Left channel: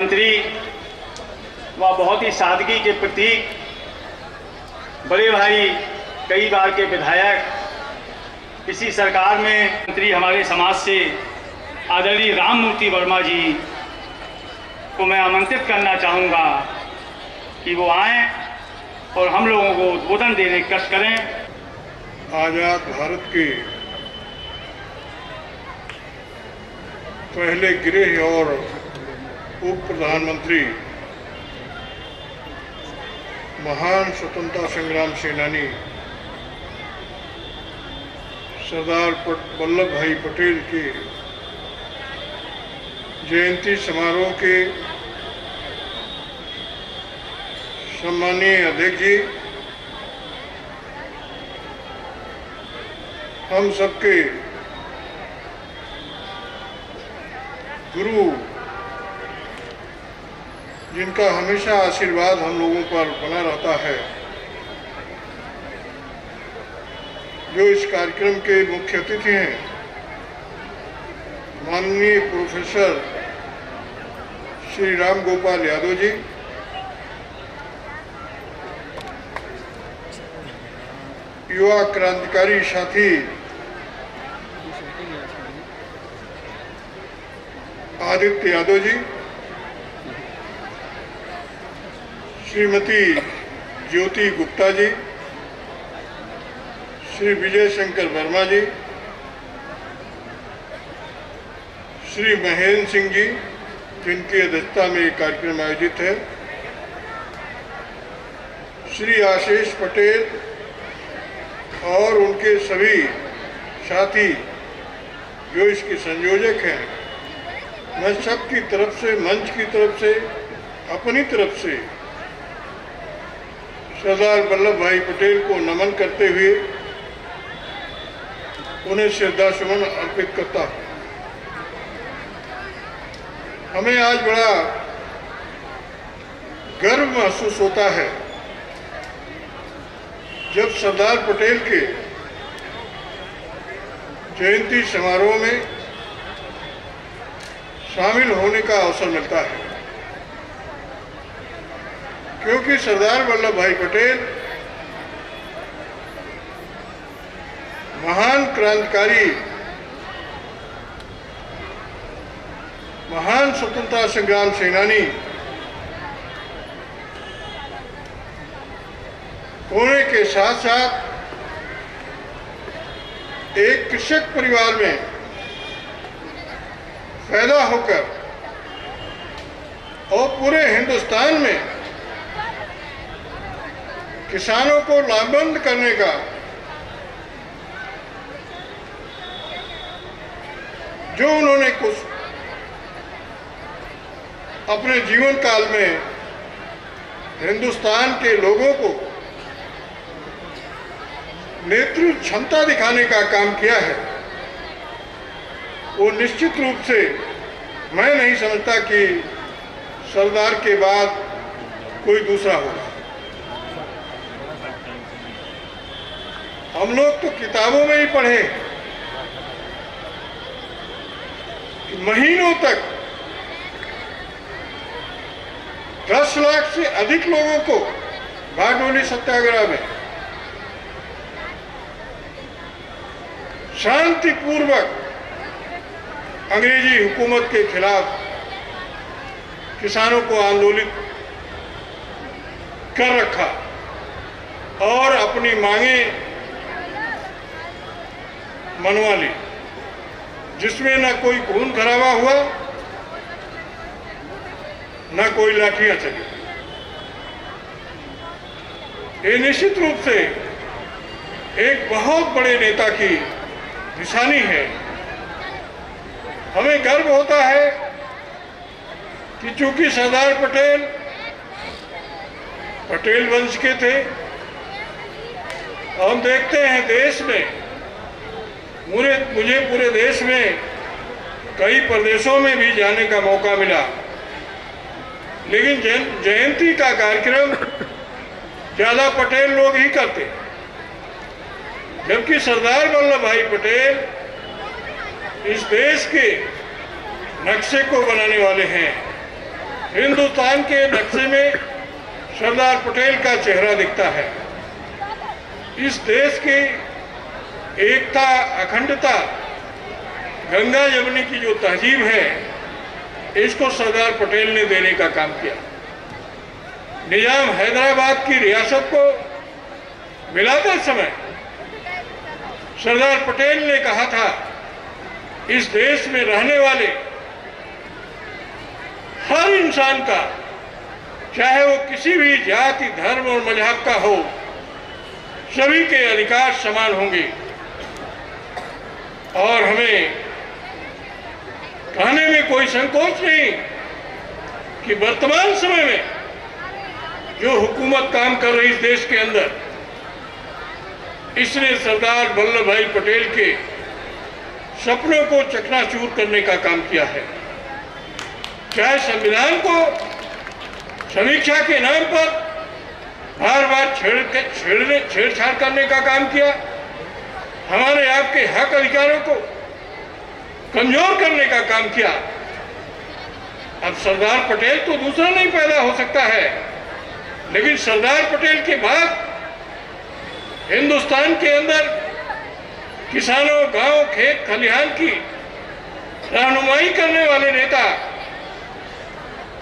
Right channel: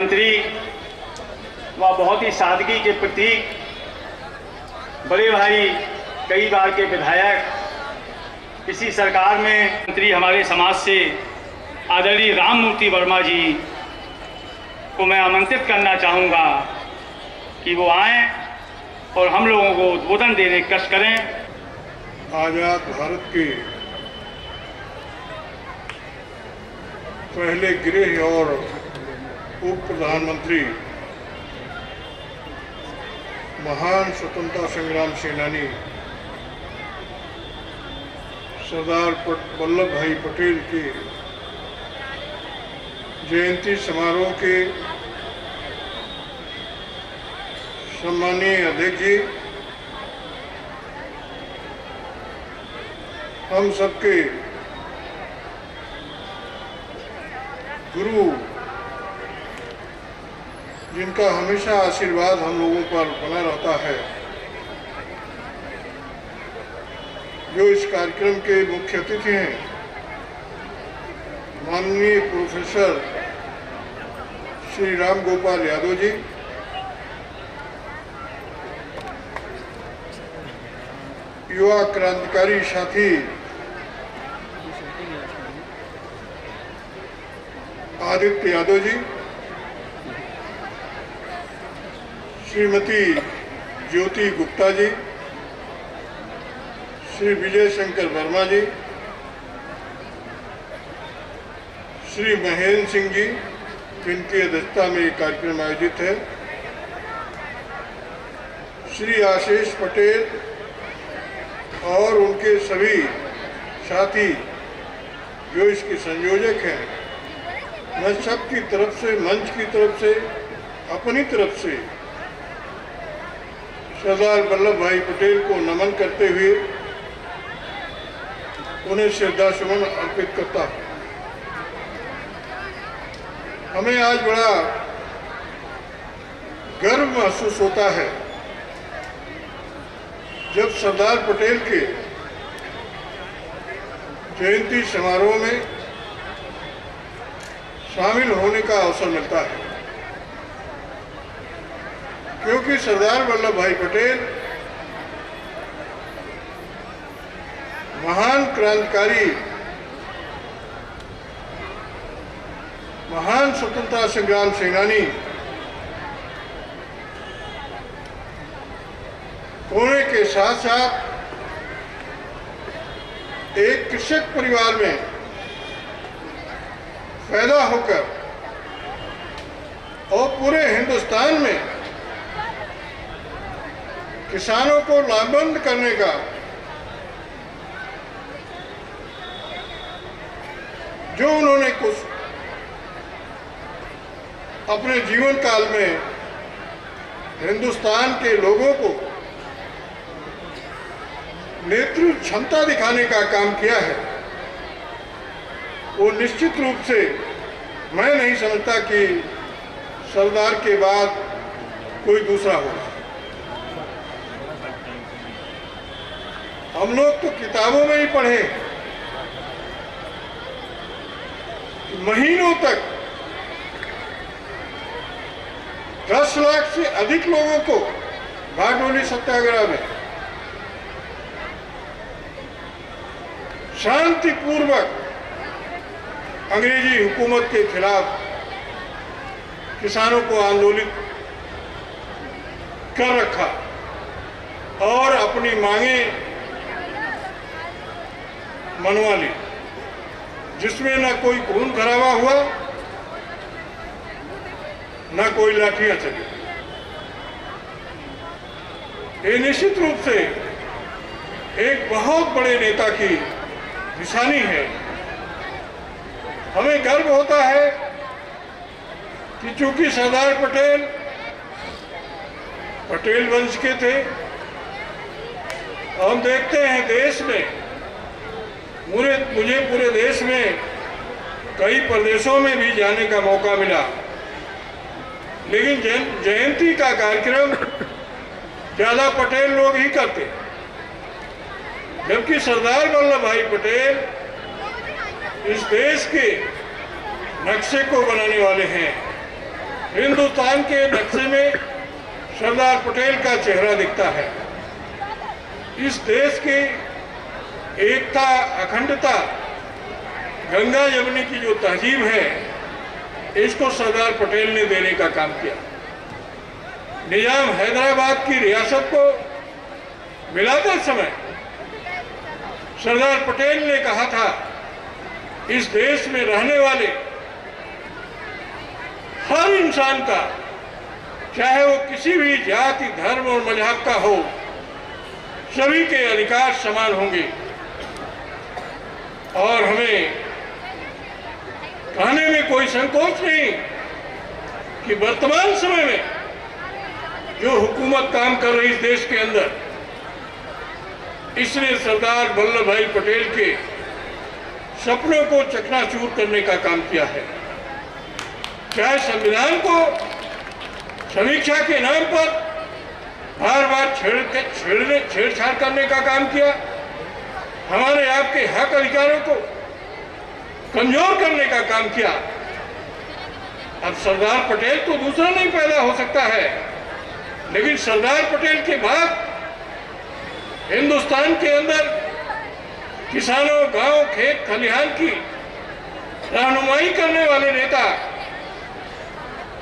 मंत्री व बहुत ही सादगी के प्रतीक बड़े भाई, कई बार के विधायक, इसी सरकार में मंत्री हमारे समाज से आदरणीय राममूर्ति वर्मा जी को मैं आमंत्रित करना चाहूँगा कि वो आएं और हम लोगों को उद्बोधन देने की कष्ट करें। आजाद भारत के पहले गृह और उप प्रधानमंत्री, महान स्वतंत्रता संग्राम सेनानी सरदार वल्लभ भाई पटेल के जयंती समारोह के सम्मानीय अध्यक्ष जी, हम सबके गुरु, जिनका हमेशा आशीर्वाद हम लोगों पर बना रहता है, जो इस कार्यक्रम के मुख्य अतिथि हैं, माननीय प्रोफेसर श्री राम गोपाल यादव जी, युवा क्रांतिकारी साथी आदित्य यादव जी, श्रीमती ज्योति गुप्ता जी, श्री विजय शंकर वर्मा जी, श्री महेंद्र सिंह जी, जिनकी अध्यक्षता में ये कार्यक्रम आयोजित है, श्री आशीष पटेल और उनके सभी साथी जो इसके संयोजक हैं, मैं सबकी तरफ से, मंच की तरफ से, अपनी तरफ से सरदार वल्लभ भाई पटेल को नमन करते हुए उन्हें श्रद्धासुमन अर्पित करता हूँ। हमें आज बड़ा गर्व महसूस होता है जब सरदार पटेल के जयंती समारोह में शामिल होने का अवसर मिलता है, क्योंकि सरदार वल्लभ भाई पटेल महान क्रांतिकारी, महान स्वतंत्रता संग्राम सेनानी होने के साथ साथ एक कृषक परिवार में पैदा होकर और पूरे हिंदुस्तान में किसानों को लाभबंद करने का जो उन्होंने कुछ अपने जीवन काल में हिंदुस्तान के लोगों को नेतृत्व क्षमता दिखाने का काम किया है, वो निश्चित रूप से मैं नहीं समझता कि सरदार के बाद कोई दूसरा होगा। हम लोग तो किताबों में ही पढ़े कि महीनों तक 10 लाख से अधिक लोगों को बारडोली सत्याग्रह में शांतिपूर्वक अंग्रेजी हुकूमत के खिलाफ किसानों को आंदोलित कर रखा और अपनी मांगे मनवा ली, जिसमें न कोई खून खराबा हुआ, न कोई लाठियां चली। ये निश्चित रूप से एक बहुत बड़े नेता की निशानी है। हमें गर्व होता है कि चूंकि सरदार पटेल पटेल वंश के थे, हम देखते हैं देश में, मुझे पूरे देश में कई प्रदेशों में भी जाने का मौका मिला, लेकिन जयंती का कार्यक्रम ज्यादा पटेल लोग ही करते, जबकि सरदार वल्लभ भाई पटेल इस देश के नक्शे को बनाने वाले हैं। हिंदुस्तान के नक्शे में सरदार पटेल का चेहरा दिखता है। इस देश की एकता, अखंडता, गंगा यमुनी की जो तहजीब है, इसको सरदार पटेल ने देने का काम किया। निजाम हैदराबाद की रियासत को मिलाते समय सरदार पटेल ने कहा था, इस देश में रहने वाले हर इंसान का, चाहे वो किसी भी जाति, धर्म और मजहब का हो, सभी के अधिकार समान होंगे। और हमें कहने में कोई संकोच नहीं कि वर्तमान समय में जो हुकूमत काम कर रही इस देश के अंदर, इसने सरदार वल्लभ भाई पटेल के सपनों को चकनाचूर करने का काम किया है। चाहे संविधान को समीक्षा के नाम पर बार बार छेड़छाड़ करने का काम किया, हमारे आपके हक अधिकारों को कमजोर करने का काम किया। अब सरदार पटेल तो दूसरा नहीं पैदा हो सकता है, लेकिन सरदार पटेल के बाद हिंदुस्तान के अंदर किसानों, गांव, खेत खलिहान की रहनुमाई करने वाले नेता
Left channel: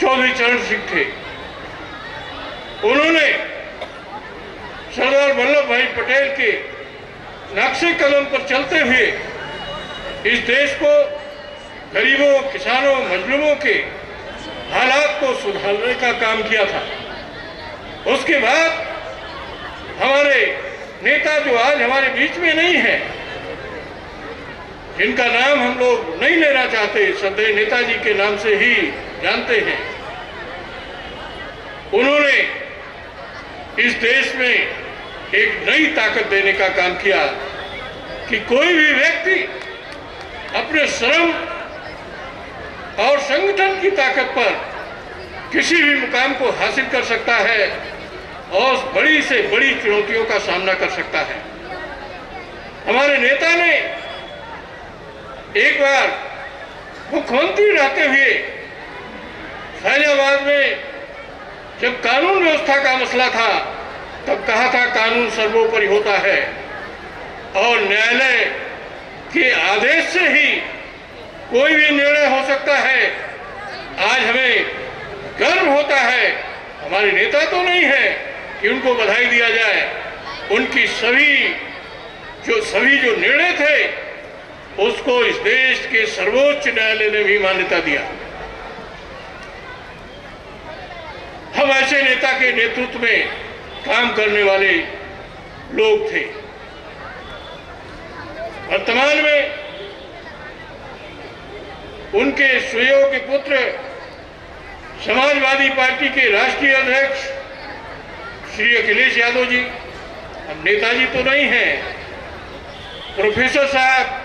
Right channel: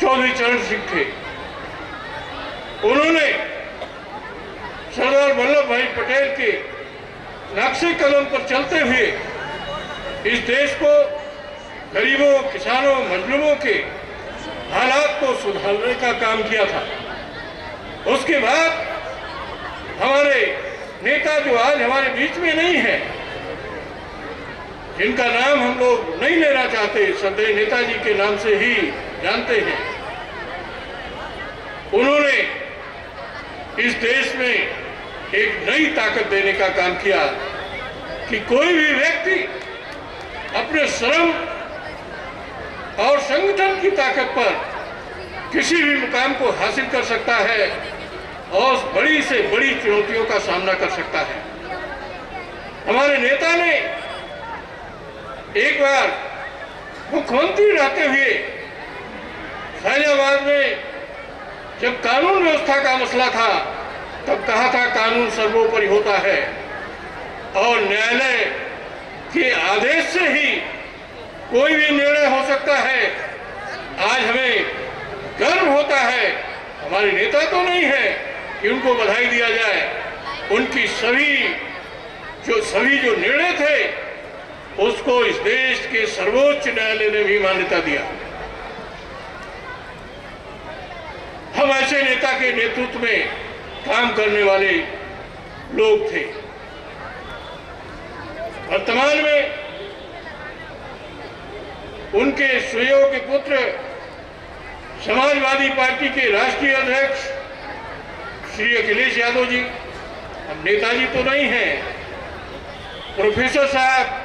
चौधरी चरण सिंह थे। उन्होंने सरदार वल्लभ भाई पटेल के नक्शे कदम पर चलते हुए इस देश को गरीबों, किसानों, मजलूमों के हालात को सुधारने का काम किया था। उसके बाद हमारे नेता जो आज हमारे बीच में नहीं है, जिनका नाम हम लोग नहीं लेना चाहते, श्रद्धेय नेताजी के नाम से ही जानते हैं, उन्होंने इस देश में एक नई ताकत देने का काम किया कि कोई भी व्यक्ति अपने श्रम और संगठन की ताकत पर किसी भी मुकाम को हासिल कर सकता है और बड़ी से बड़ी चुनौतियों का सामना कर सकता है। हमारे नेता ने एक बार मुख्यमंत्री रहते हुए फैजाबाद में जब कानून व्यवस्था का मसला था, तब कहा था कानून सर्वोपरि होता है और न्यायालय के आदेश से ही कोई भी निर्णय हो सकता है। आज हमें गर्व होता है, हमारे नेता तो नहीं है कि उनको बधाई दिया जाए, उनकी सभी जो निर्णय थे उसको इस देश के सर्वोच्च न्यायालय ने भी मान्यता दिया। हम ऐसे नेता के नेतृत्व में काम करने वाले लोग थे। वर्तमान में उनके सुयोग्य पुत्र समाजवादी पार्टी के राष्ट्रीय अध्यक्ष श्री अखिलेश यादव जी, अब नेताजी तो नहीं हैं, प्रोफेसर साहब,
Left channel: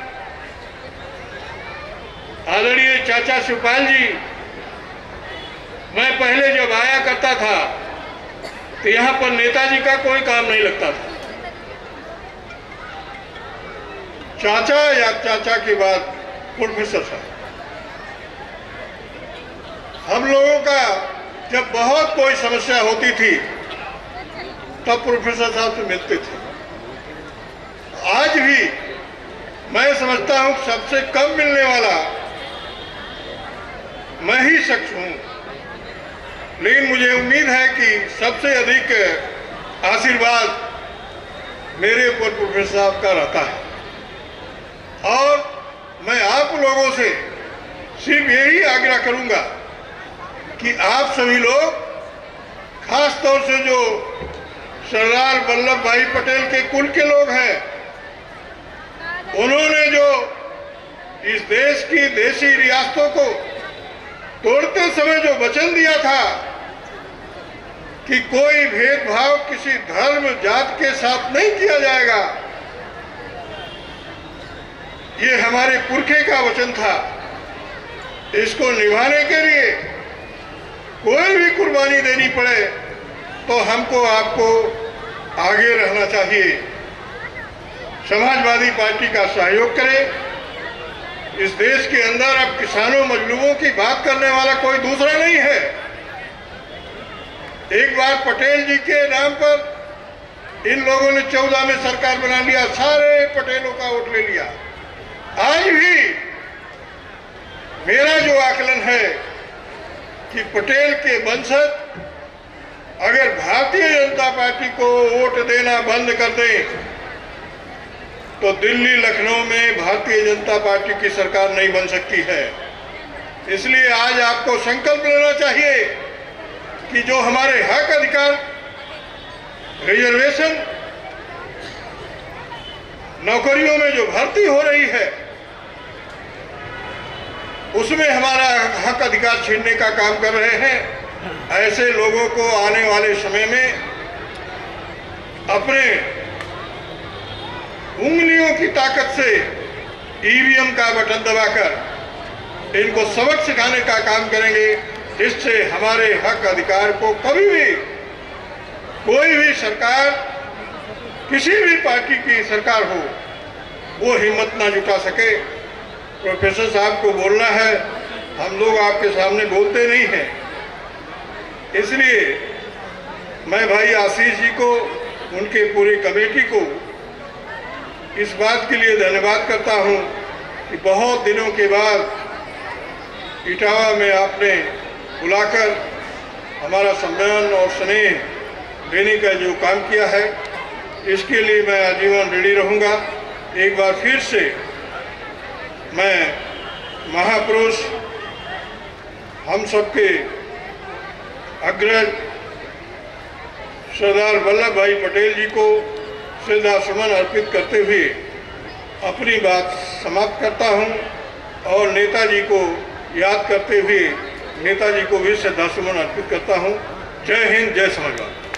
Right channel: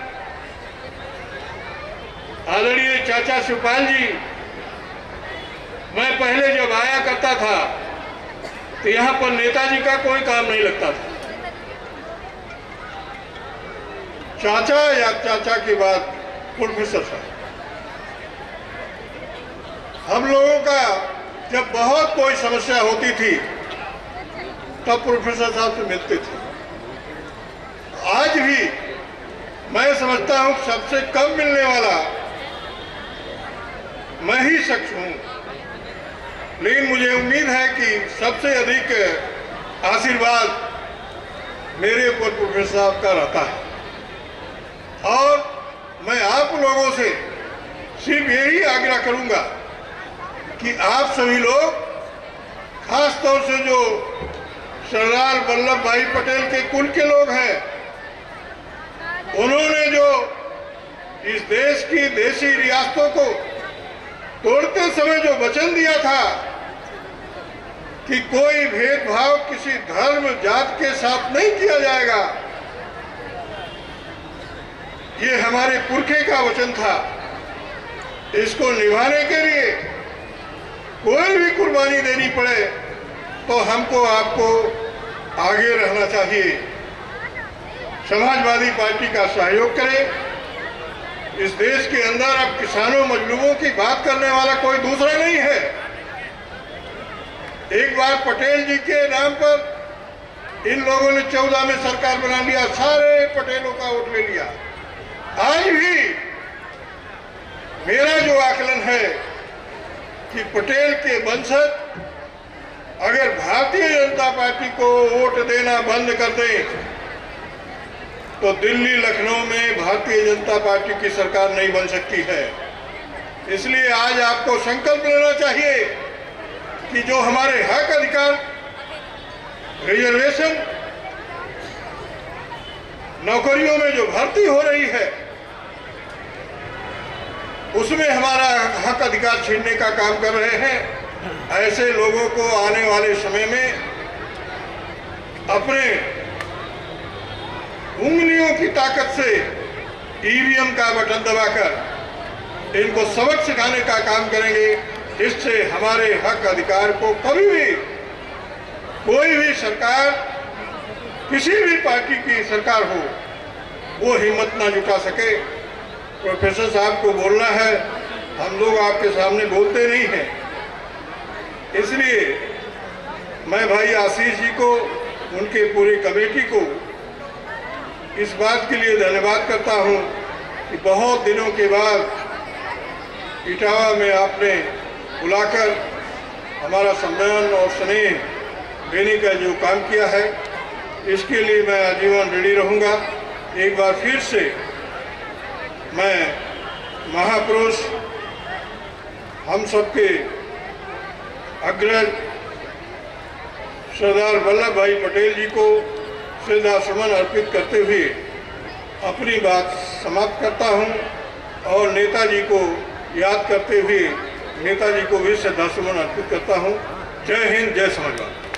आदरणीय चाचा शिवपाल जी, मैं पहले जब आया करता था तो यहां पर नेताजी का कोई काम नहीं लगता था। चाचा या चाचा के बाद प्रोफेसर साहब, हम लोगों का जब बहुत कोई समस्या होती थी तब प्रोफेसर साहब से मिलते थे। आज भी मैं समझता हूं सबसे कम मिलने वाला मैं ही शख्स हूं, लेकिन मुझे उम्मीद है कि सबसे अधिक आशीर्वाद मेरे ऊपर प्रोफेसर साहब का रहता है। और मैं आप लोगों से सिर्फ यही आग्रह करूंगा कि आप सभी लोग, खास तौर से जो सरदार वल्लभ भाई पटेल के कुल के लोग हैं, उन्होंने जो इस देश की देशी रियासतों को तोड़ते समय जो वचन दिया था कि कोई भेदभाव किसी धर्म, जात के साथ नहीं किया जाएगा, ये हमारे पुरखे का वचन था। इसको निभाने के लिए कोई भी कुर्बानी देनी पड़े तो हमको आपको आगे रहना चाहिए। समाजवादी पार्टी का सहयोग करें। इस देश के अंदर अब किसानों, मजलूमों की बात करने वाला कोई दूसरा नहीं है। एक बार पटेल जी के नाम पर इन लोगों ने 14 में सरकार बना लिया, सारे पटेलों का वोट ले लिया। आज भी मेरा जो आकलन है कि पटेल के वंशज अगर भारतीय जनता पार्टी को वोट देना बंद कर दें तो दिल्ली लखनऊ में भारतीय जनता पार्टी की सरकार नहीं बन सकती है। इसलिए आज आपको संकल्प लेना चाहिए कि जो हमारे हक अधिकार, रिजर्वेशन, नौकरियों में जो भर्ती हो रही है उसमें हमारा हक अधिकार छीनने का काम कर रहे हैं। ऐसे लोगों को आने वाले समय में अपने उंगलियों की ताकत से ईवीएम का बटन दबाकर इनको सबक सिखाने का काम करेंगे, जिससे हमारे हक अधिकार को कभी भी कोई भी सरकार, किसी भी पार्टी की सरकार हो, वो हिम्मत ना जुटा सके। प्रोफेसर साहब को बोलना है, हम लोग आपके सामने बोलते नहीं हैं। इसलिए मैं भाई आशीष जी को, उनके पूरी कमेटी को इस बात के लिए धन्यवाद करता हूं कि बहुत दिनों के बाद इटावा में आपने बुलाकर हमारा सम्मान और स्नेह देने का जो काम किया है, इसके लिए मैं आजीवन रेडी रहूंगा। एक बार फिर से मैं महापुरुष हम सबके अग्रज सरदार वल्लभ भाई पटेल जी को श्रद्धा सुमन अर्पित करते हुए अपनी बात समाप्त करता हूं और नेताजी को याद करते हुए नेताजी को भी श्रद्धा सुमन अर्पित करता हूं। जय हिंद, जय समाजवाद।